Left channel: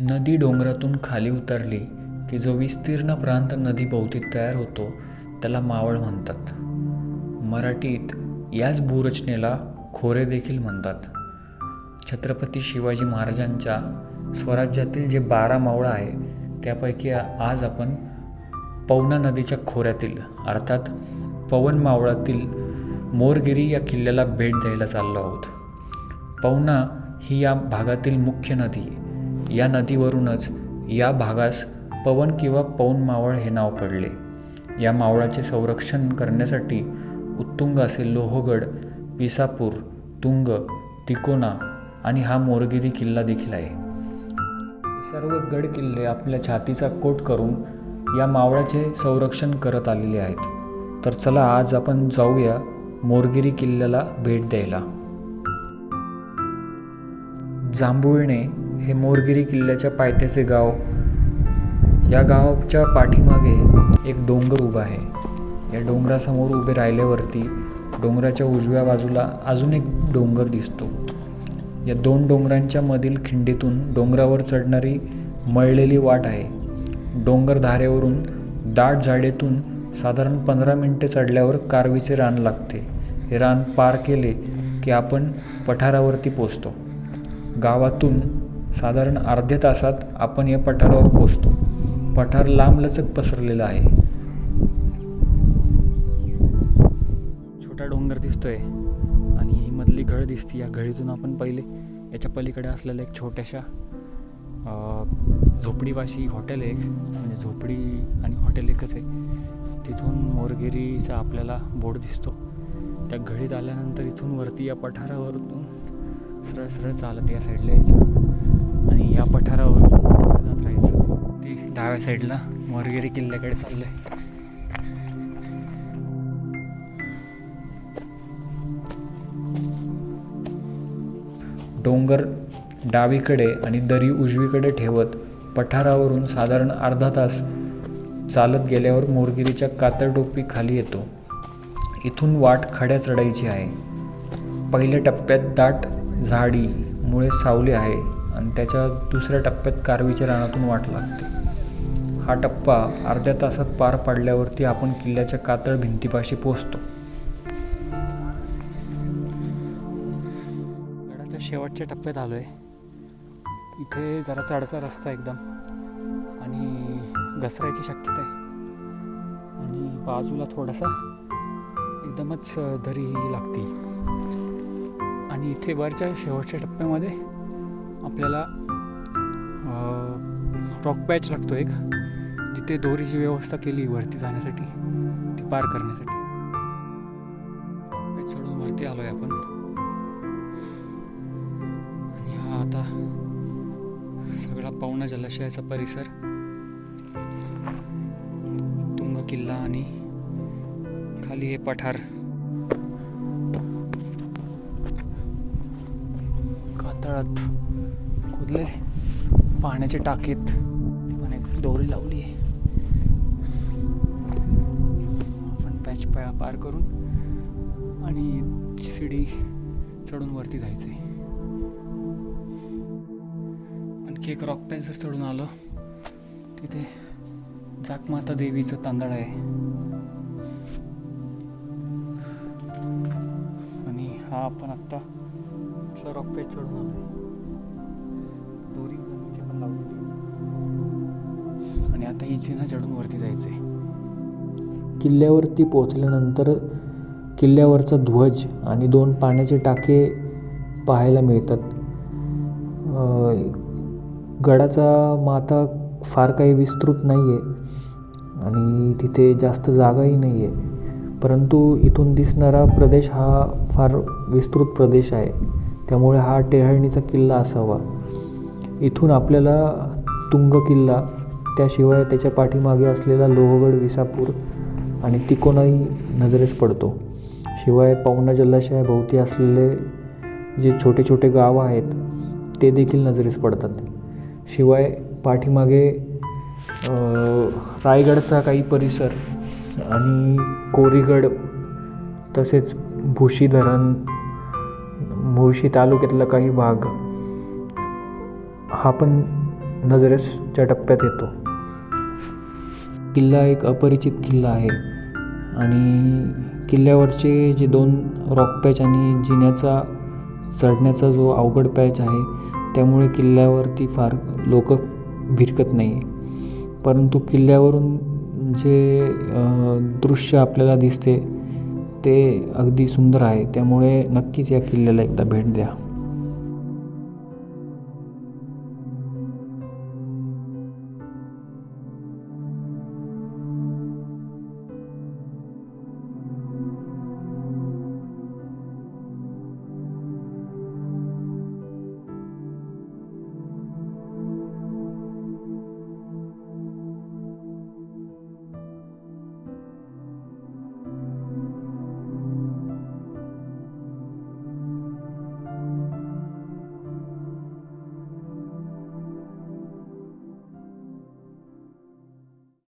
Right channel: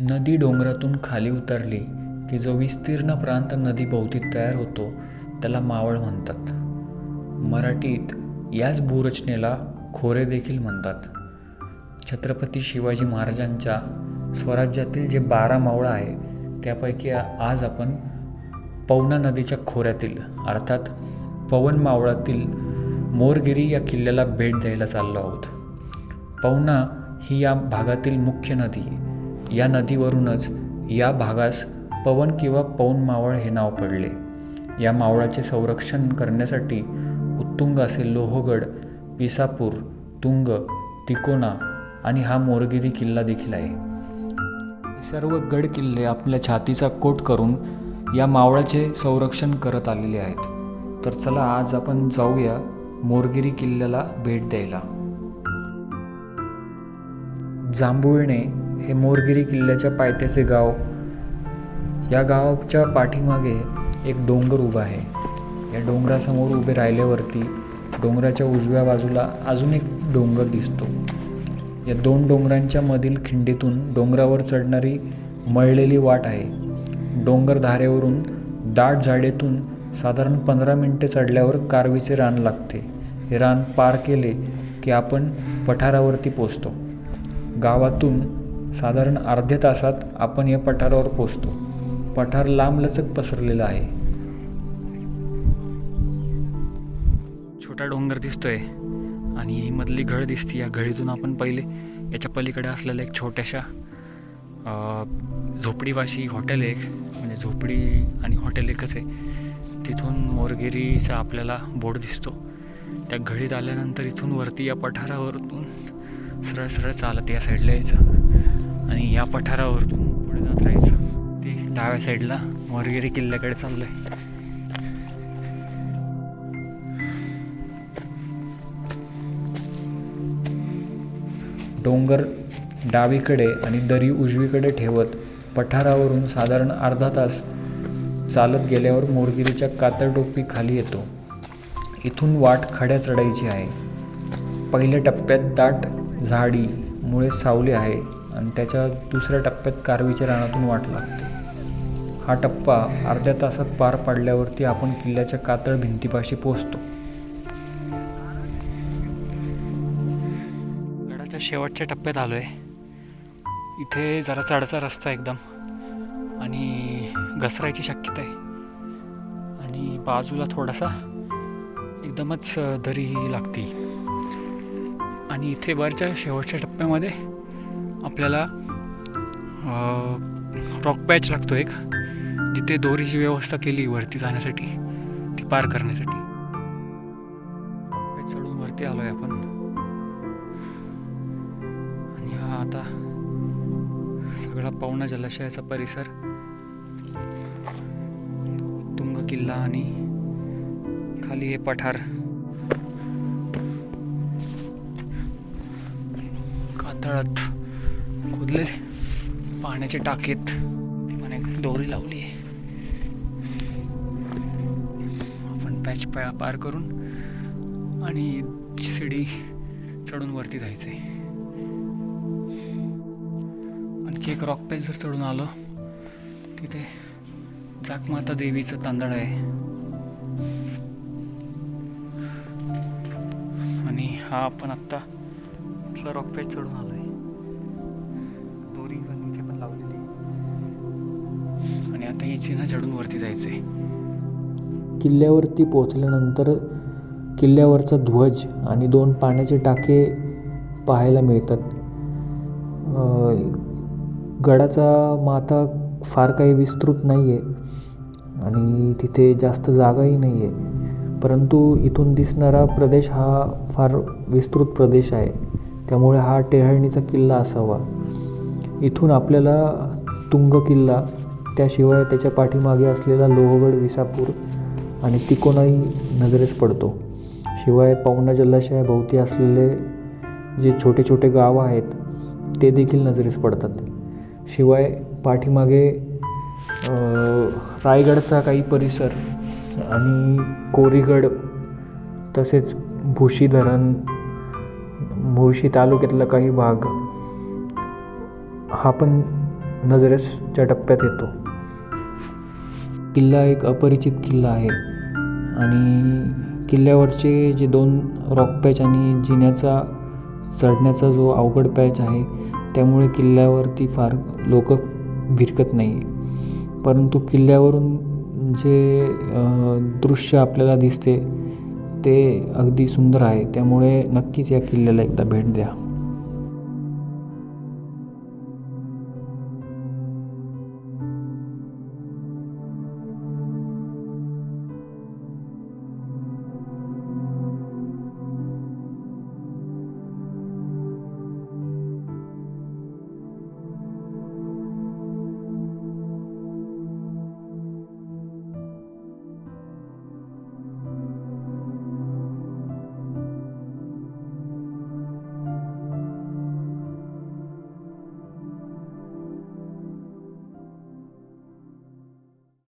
नदी डोंगरातून खाली उतरली की जो विस्तीर्ण प्रांत नदीभोवती तयार होतो त्याला मावळ म्हणतात. मराठीत याच भूरचनेला खोरे देखील म्हणतात. छत्रपती शिवाजी महाराजांच्या स्वराज्यातील जे बारा मावळं आहे त्यापैकी आज आपण पवना नदीच्या खोऱ्यातील अर्थात पवन मावळातील मोरगिरी या किल्ल्याला भेट द्यायला चाललो आहोत. पवना ही या भागातील मुख्य नदी आहे. या नदीवरूनच या भागास पवन किंवा पवन मावळ हे नाव पडले. या मावळाचे संरक्षण करण्यासाठी उत्तुंग असे लोहगड विसापूर तुंग तिकोना आणि हा मोरगिरी किल्ला देखील आहे. सर्व गड किल्ले आपल्या छातीचा कोट करून या मावळाचे संरक्षण करत आलेले आहेत. तर चला आज आपण जाऊया मोरगिरी किल्ल्याला भेट द्यायला. जांभुळणे हे मोरगिरी किल्ल्याच्या पायथ्याचे गाव. या गावाच्या पाठीमागे एक डोंगर उभा आहे. या डोंगरासमोर उभे राहिल्यावरती डोंगराच्या उजव्या बाजूला अजून एक डोंगर दिसतो. या दोन डोंगरांच्या मधील खिंडीतून डोंगरावर चढणारी मळलेली वाट आहे. डोंगर धारेवरून दाट झाडेतून साधारण पंधरा मिनटे चढल्यावर कारवीचे रान लागते. हे रान पार केले की आपण पठारावरती पोचतो. गावातून साधारण अर्ध्या तासात आपण या पठारावर पोचतो पठार लांबलचक पसरलेलं आहे. छोटा डोंगर दिसतोय आणि ही मधली घळ दिसते. या घळीतून आपण पहिले याच्या पलीकडे असलेल्या एक छोट्याशा झोपडीवाशी हॉटेल एक. म्हणजे झोपडी आणि हॉटेल एकच आहे. तिथून मोरगिरीचा आपल्याला बोर्ड दिसतो. त्या घडीत आल्यानंतर इथून वरती या पठारावरून सरळ सरळ चालत या साईडला यायचं. आणि या पठारावर पुढे जात राहायचं. ते डाव्या साईडला मोरगिरी किल्ल्याकडे चाललं आहे डोंगर डावीकडे आणि दरी उजवीकडे ठेवत पठारावरून साधारण अर्धा तास चालत गेल्यावर मोरगिरीच्या कातरटोपी खाली येतो. इथून वाट खड्या चढायची आहे. पहिल्या टप्प्यात दाट झाडीमुळे सावली आहे. आणि त्याच्या दुसऱ्या टप्प्यात कारवीच्या रानातून वाट लागते. हा टप्पा अर्ध्या तासात पार पाडल्यावरती आपण किल्ल्याच्या कातळ भिंतीपाशी पोचतो गडाच्या शेवटच्या टप्प्यात आलो आहे इथे जरा चढचा रस्ता एकदम. आणि घसरायची शक्यता आहे. आणि बाजूला थोडासा एकदमच दरी लागते. आणि इथे वरच्या शेवटच्या टप्प्यामध्ये आपल्याला रॉक पॅच लागतो एक. जिथे दोरीची व्यवस्था केली वरती जाण्यासाठी ती पार करण्यासाठी. रॉक पॅच चढून वरती आलो आहे आपण. आणि हा आता सगळा पाहुणा जलाशयाचा परिसर तुंग किल्ला आणि खाली हे पठार. कातळात खोदलेले. पाण्याचे टाकीत ती पण एक दोरी लावली आहे. आपण पॅच पा पार करून आणि शिडी चढून वरती जायचं आहे आणखी एक रॉक पॅच जर चढून आलो तिथे जाकमाता देवीचं तांदळ आहे. आणि हा आपण आत्ता इथला रॉक पॅच चढून आलो आहे आणि आता ही जिना चढून वरती जायचं आहे किल्ल्यावरती पोचल्यानंतर किल्ल्यावरचा ध्वज आणि दोन पाण्याचे टाके पाहायला मिळतात. गडाचा माथा फार काही विस्तृत नाही आहे आणि तिथे जास्त जागाही नाही आहे परंतु इथून दिसणारा प्रदेश हा फार विस्तृत प्रदेश आहे. त्यामुळे हा टेहळणीचा किल्ला असावा. इथून आपल्याला तुंग किल्ला त्याशिवाय त्याच्या पाठीमागे असलेला लोहगड विसापूर आणि तिकोनाही नजरेस पडतो. शिवाय पवना जलाशयाभोवती असलेले जे छोटे छोटे गावं आहेत ते देखील नजरेस पडतात. शिवाय पाठीमागे रायगडचा काही परिसर आणि कोरीगड तसेच भुशी धरण मुळशी तालुक्यातला काही भाग हा पण नजरेसच्या टप्प्यात येतो. किल्ला एक अपरिचित किल्ला आहे. आणि किल्ल्यावरचे जे दोन रॉक पॅच आणि जिन्याचा चढण्याचा जो अवघड पॅच आहे त्यामुळे किल्ल्यावरती फार लोक भिरकत नाही परंतु किल्ल्यावरून जे दृश्य आपल्याला दिसते ते अगदी सुंदर आहे. त्यामुळे नक्कीच या किल्ल्याला एकदा भेट द्या.